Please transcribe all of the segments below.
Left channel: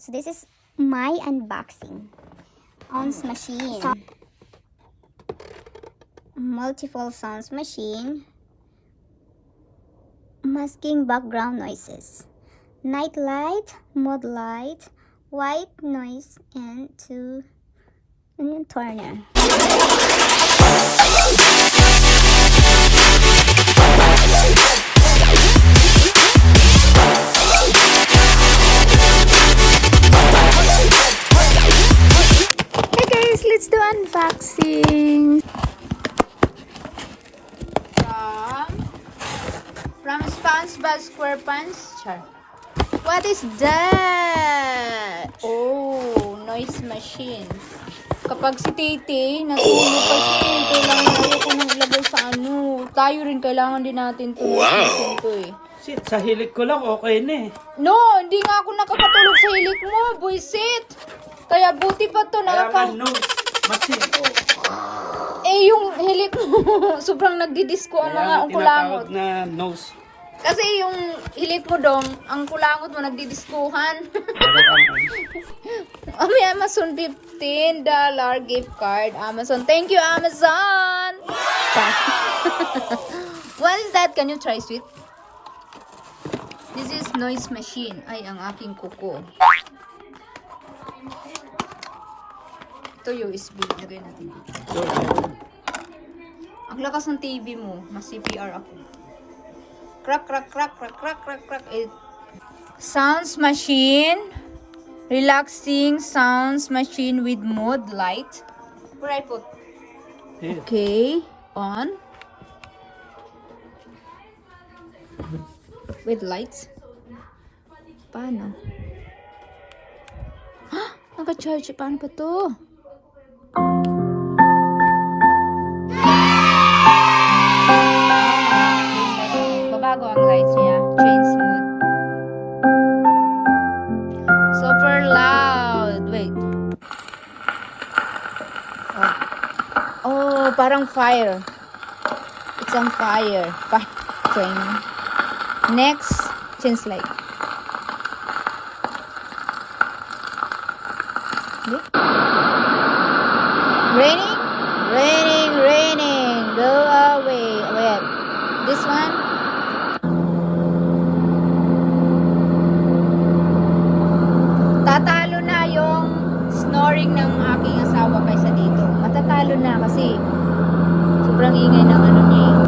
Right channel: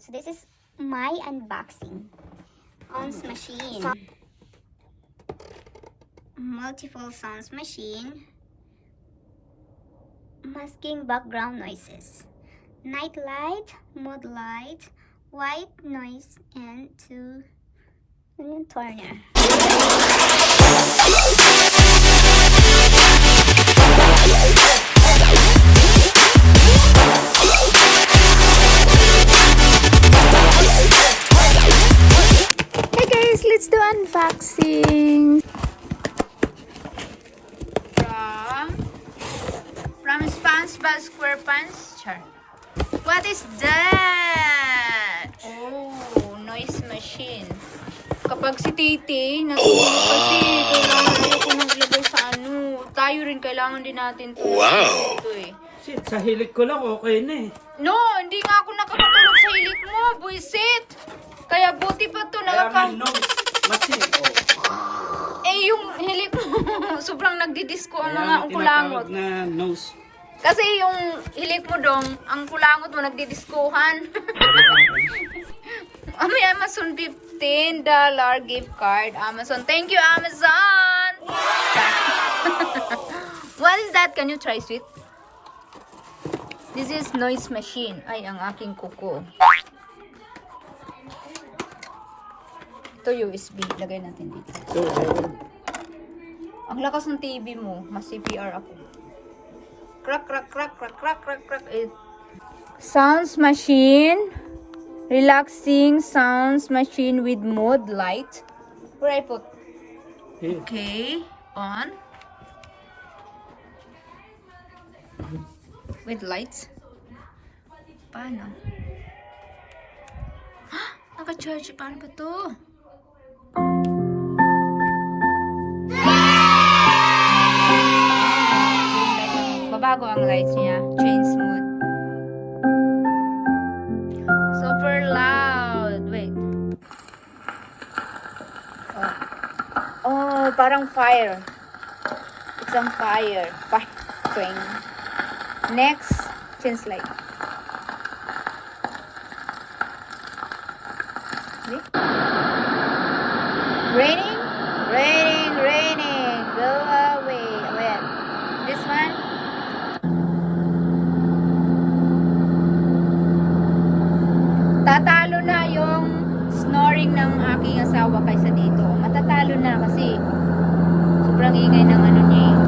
So this is my unboxing. Sounds machine. Multiple sounds machine. Masking background noises. Night light, mode light, white noise, and two turner. Hey guys, let's do unboxing. From SpongeBob SquarePants. Char. What is that? Oh, noise machine. Kapag si Tete, natulog kasi, kailangan ko nang ilagay sa ano. Tayo rin, kailangan din natin ito. Wow! Shit, sa hilik ko lang, okay na eh. No, hindi nga ako nakakatulog sa hilik mo, buisit. Kaya buti pa to, Kaya nose, machine. Eh, yung hilik mo, sobrang nagdidisco ang mga ang kulangot. Na nose. Kasi yung hilik mo dong, ang kulangot mo nagdidiskuhan. May Amazon $15 gift card. Amazon. Thank you, Amazon! What is that? Can you try it? This is noise machine. Ay, ang aking kuko. Ito USB. Lagay natin dito. Ang lakas ng TV mo. Mas CPR ako. Crack, crack, crack, crack, crack, crack, crack. Sounds machine. Relaxing sounds machine with mode light. Where I put? Here. Okay. On. With lights. Paano? Naka-charge. Paano pa to? Bago ang lights niya. Train smooth. Super loud. Wait. Oh, parang fire. It's on fire. Train. Next, change light. Okay. Raining? Raining, raining. Go away. Wait. This one? Tatalo na yung snoring ng aking asawa kaysa dito. Matatalo na kasi sobrang ingay ng ano niya eh.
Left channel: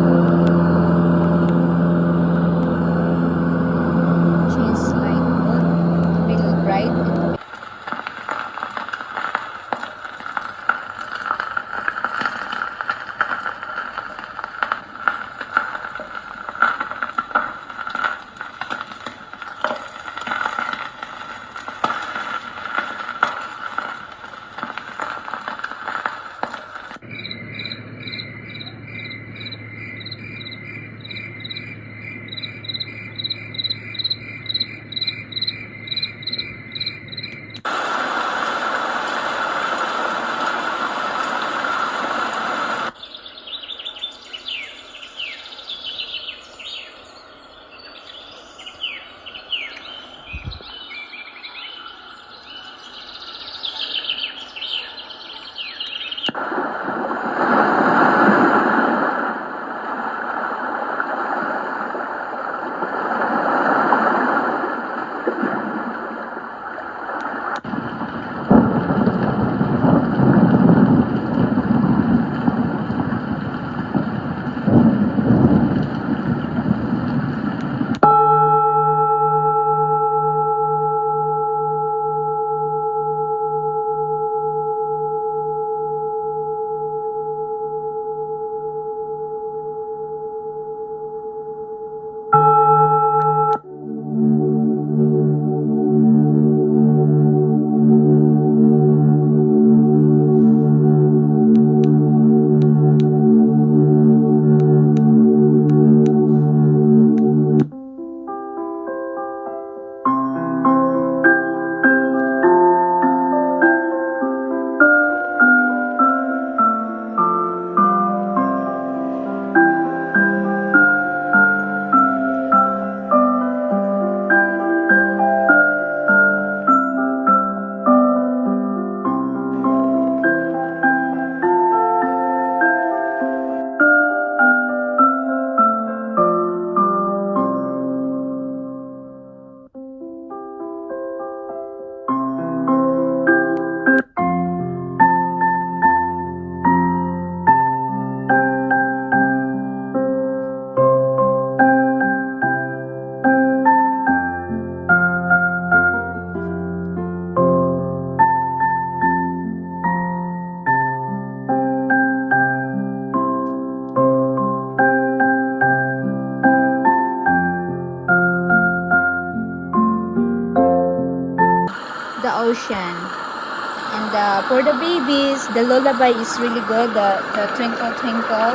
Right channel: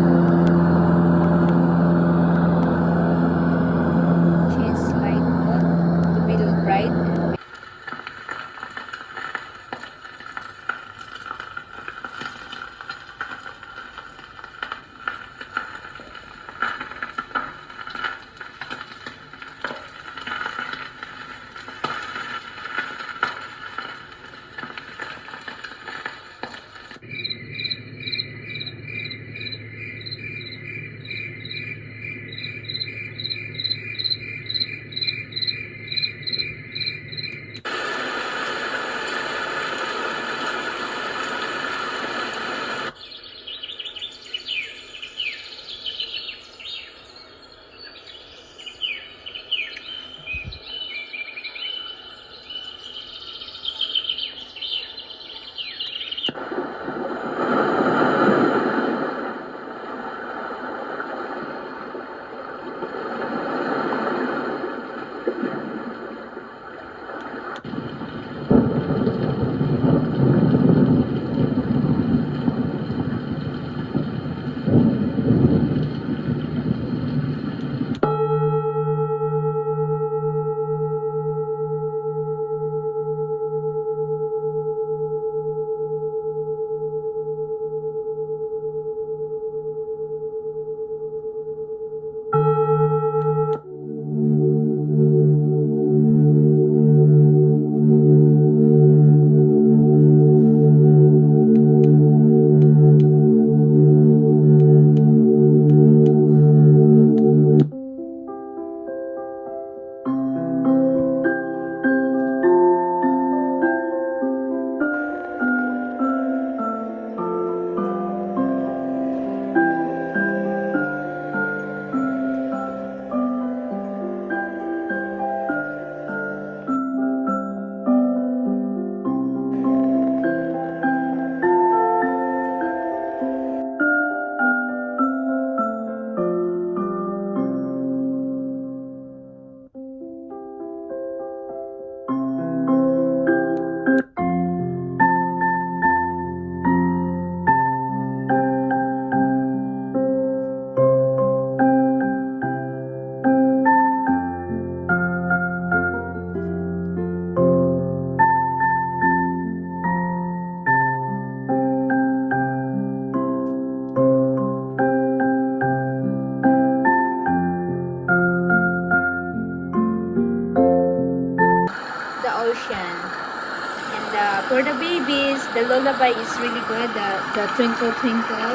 For the babies, the lullaby is really good. The twinkle twinkle.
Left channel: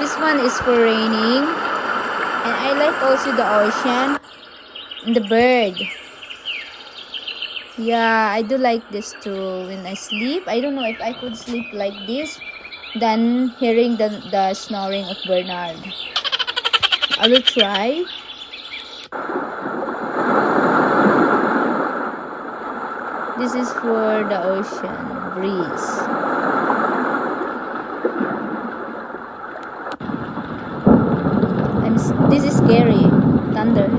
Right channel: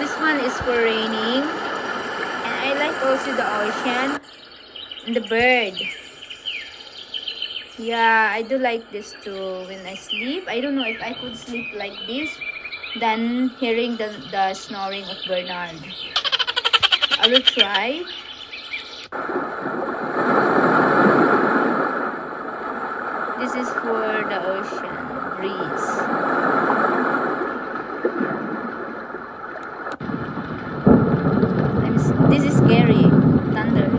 This one is for raining. And I like also the ocean and the bird. Yeah, I do like this too. When I sleep, I don't know if I could sleep like this than hearing the snoring of Bernard. I will try. This is for the ocean breeze. This is scary. Thunder.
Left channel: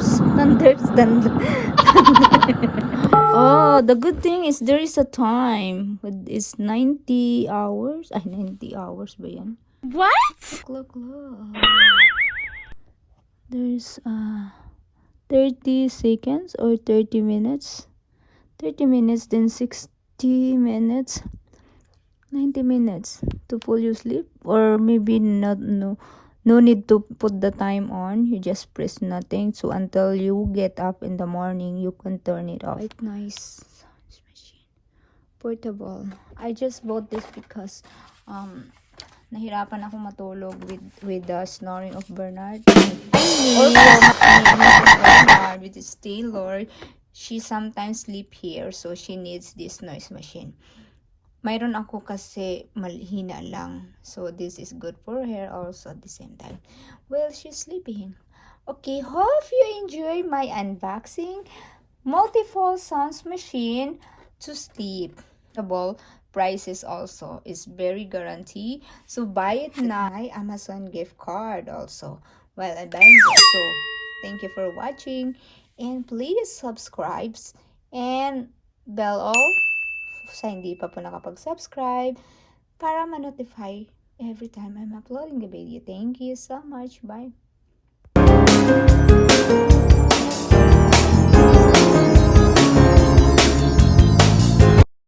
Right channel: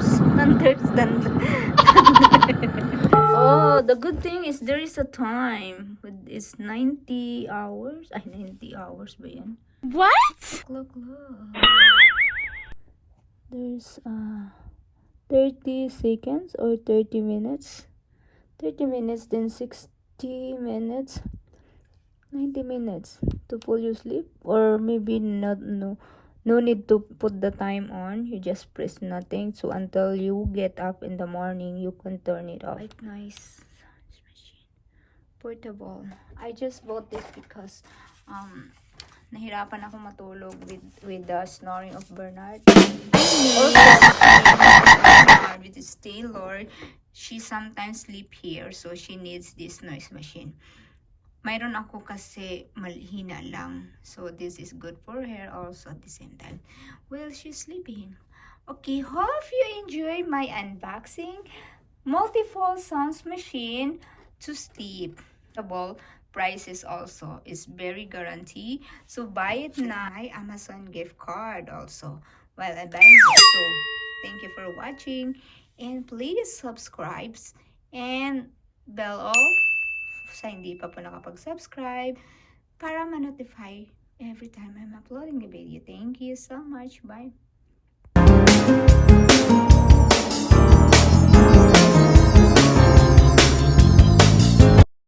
Oh, the good thing is there is a time. It's 90 hours. Ay, 90 hours ba yan? What? Look. There's 30 seconds or 30 minutes. 30 minutes, then 60 minutes. 90 minutes to fall you sleep, or maybe not. No need to put the time on. You just press nothing, so until you get up in the morning you can turn it off. Quite nice machine, portable. I just bought this because nahirapan ako matulog with the snoring of Bernard. Also, with this Taylor, she sometimes sleep here, so she needs this noise machine. Mayroon ako kasi malhina lang. So, this is good for her also at the same time. Well, she's sleeping. Okay, hope you enjoy my unboxing. Multiple sounds machine to sleep. About prices also is very guarantee. So, buy it now. Amazon gift card also. While I'm buying it. So, thank you for watching. And please subscribe and bell all sa hindi pa po nakapag-subscribe para ma-notify every time I'm uploading a video. Thank you so much. Bye.